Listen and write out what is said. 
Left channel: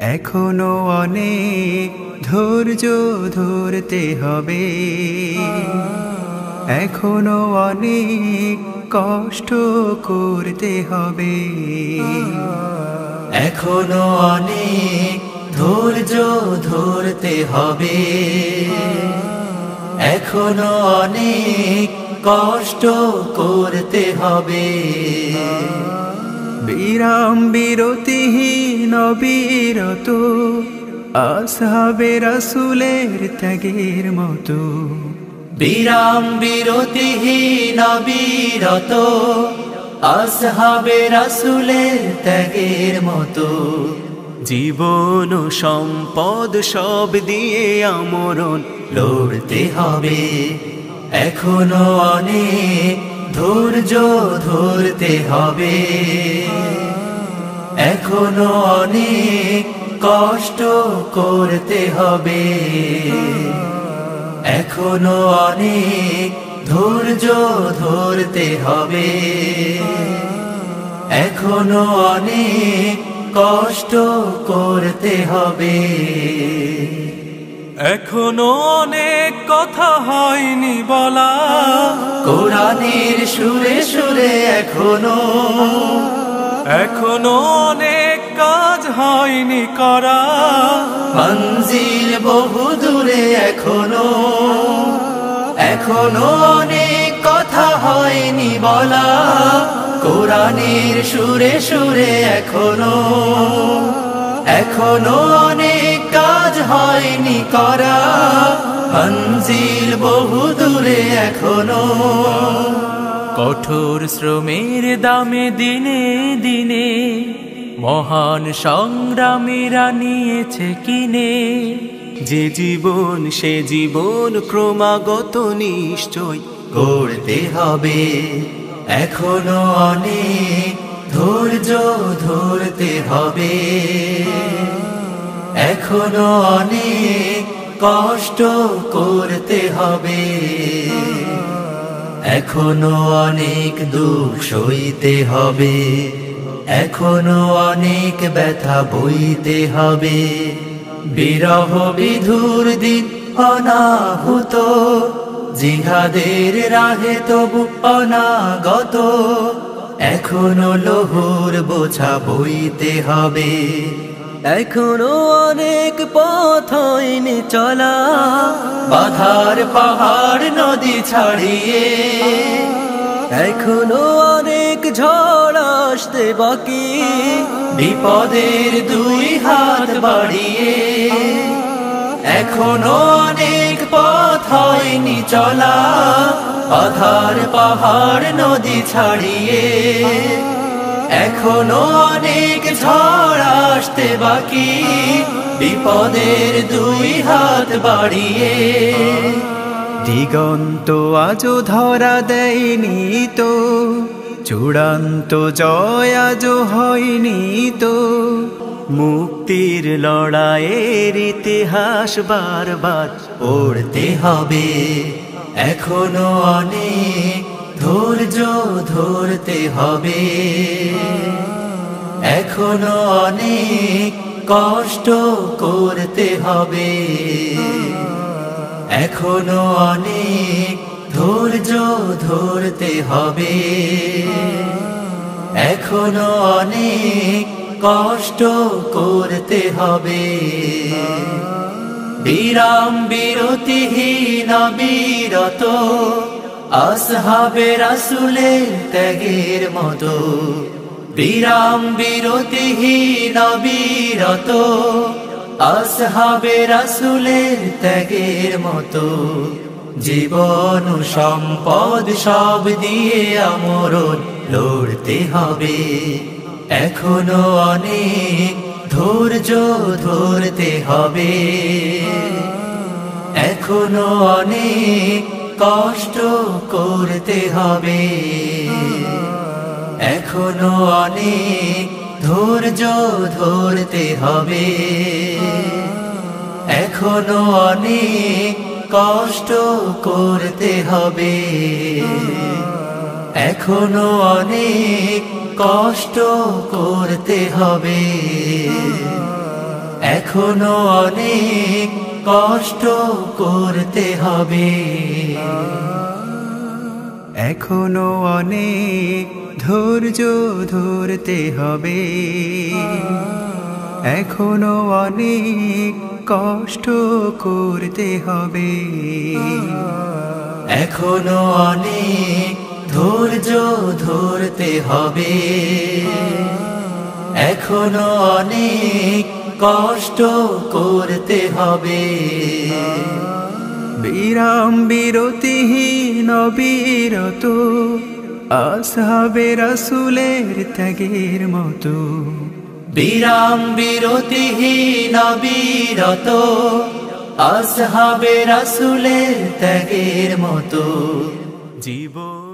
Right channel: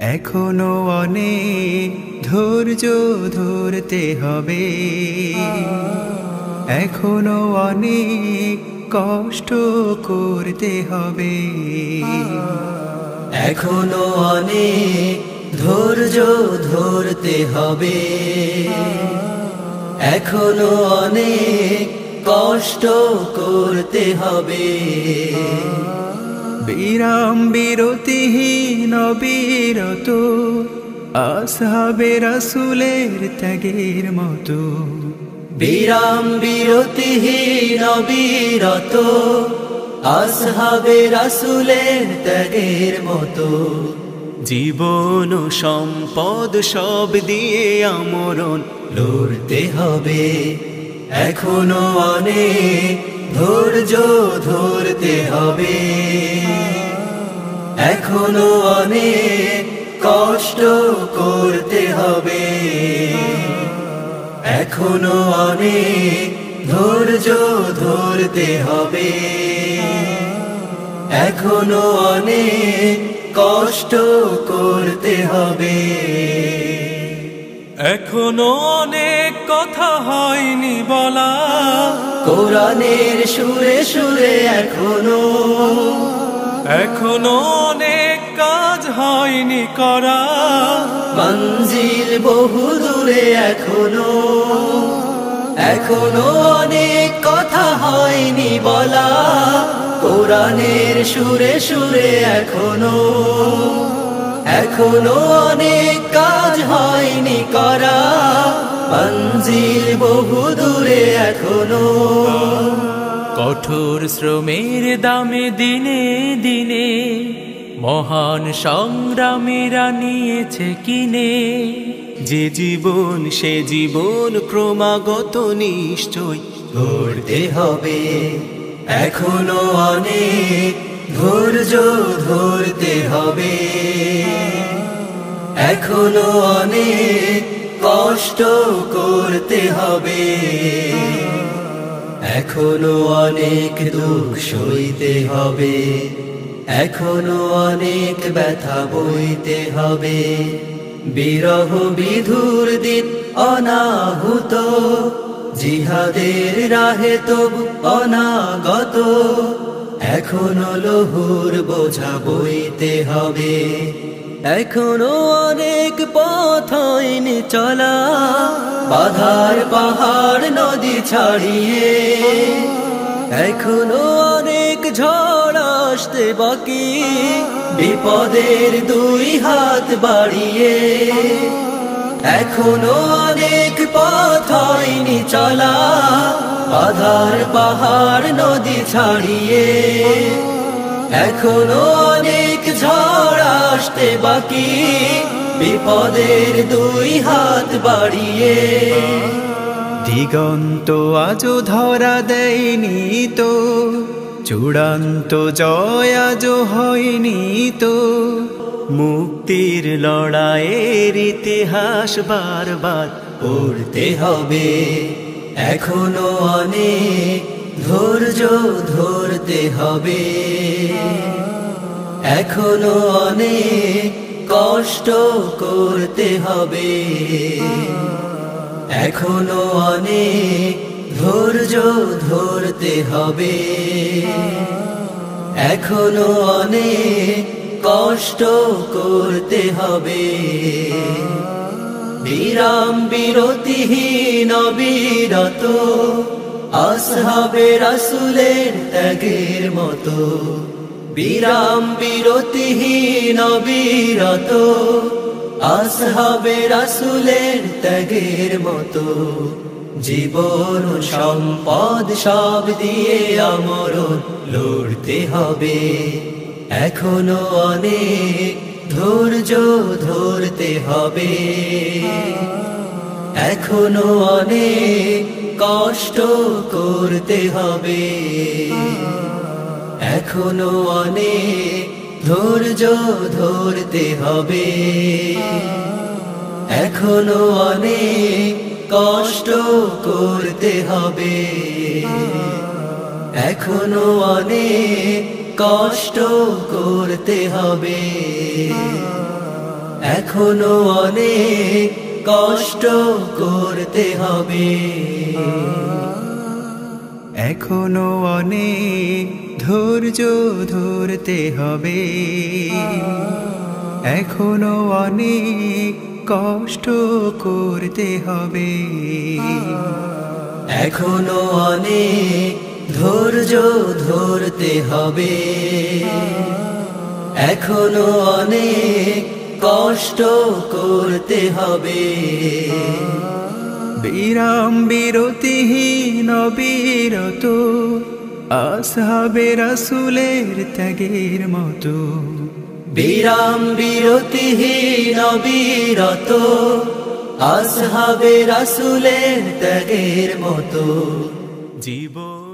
এখনো অনেক ধৈর্য ধরতে হবে, এখনো অনেক কষ্ট করতে হবে, এখনো অনেক ধৈর্য ধরতে হবে, এখনো অনেক কষ্ট করতে হবে। বিরাম বিরতিহীন অবিরত আসহাবে রাসূলের ত্যাগের মতো, বিরাম বিরতিহীন অবিরত আসহাবে রাসূলের ত্যাগের মতো। জীবন ও সম্পদ সব দিয়ে আমরণ লড়তে হবে, এখনো অনেক ধৈর্য ধরতে হবে, এখনো অনেক কষ্ট করতে হবে, এখনো অনেক ধৈর্য ধরতে হবে, এখনো অনেক কষ্ট করতে হবে। এখনো অনেক কথা হয়নি বলা, কোরআনের সুরে সুরে এখনো অনেক কাজ হয়নি করা, মঞ্জিল বহু দূরে এখনো অনেক কথা হয়নি বলা, কোরআনের সুরে সুরে এখনো অনেক কাজ হয়নি করা, মঞ্জিল বহু দূরে কঠোর শ্রমের দামে দিনে দিনে মহান সংগ্রামীরা নিয়েছে কিনে, যে জীবন সে জীবন ক্রমাগত নিশ্চয় গড়তে হবে, এখনো অনেক ধৈর্য ধরতে হবে, এখনো অনেক কষ্ট করতে হবে, এখনো অনেক দুঃখ সইতে হবে, এখনো অনেক ব্যথা বইতে হবে, বিরহ বিধুর দিন অনাহুত, জিহাদের রাহে তবু অনাগত, এখনো লহুর বোঝা বইতে হবে, এখনো অনেক পথ হয়নি চলা, বাধার পাহাড় নদী ছাড়িয়ে, এখনো অনেক ঝড় আসতে বাকি, বিপদের দুই হাত বাড়িয়ে, এখনো অনেক পথ হয়নি চলা, বাধার পাহাড় নদী ছাড়িয়ে, এখনো অনেক ঝড় আসতে বাকি, বিপদের দুই হাত বাড়িয়ে। দিগন্ত আজও ধরা দেয়নি তো, চূড়ান্ত জয় আজও হয়নি তো, মুক্তির লড়াইয়ের ইতিহাস বারবার পড়তে হবে, এখনো অনেক ধৈর্য ধরতে হবে, এখনো অনেক কষ্ট করতে হবে, এখনো অনেক ধৈর্য ধরতে হবে, এখনো অনেক কষ্ট করতে হবে। বিরাম বিরতিহীন অবিরত আসহাবে রাসূলের ত্যাগের মতো, বিরাম বিরতিহীন অবিরত আসহাবে রাসূলের ত্যাগের মতো, জীবন ও সম্পদ সব দিয়ে আমরণ লড়তে হবে, এখনো অনেক ধৈর্য ধরতে হবে, এখনো অনেক কষ্ট করতে হবে, এখনো অনেক ধৈর্য ধরতে হবে, এখনো অনেক কষ্ট করতে হবে, এখনো অনেক কষ্ট করতে হবে। এখনো অনেক কষ্ট করতে হবে, এখনো অনেক ধৈর্য ধরতে হবে, এখনো অনেক কষ্ট করতে হবে, এখনো অনেক ধৈর্য ধরতে হবে, এখনো অনেক কষ্ট করতে হবে। বিরাম বিরতিহীন অবিরত আসহাবে রাসূলের ত্যাগের মতো, বিরাম বিরতিহীন অবিরত আসহাবে রাসূলের ত্যাগের মতো জীবন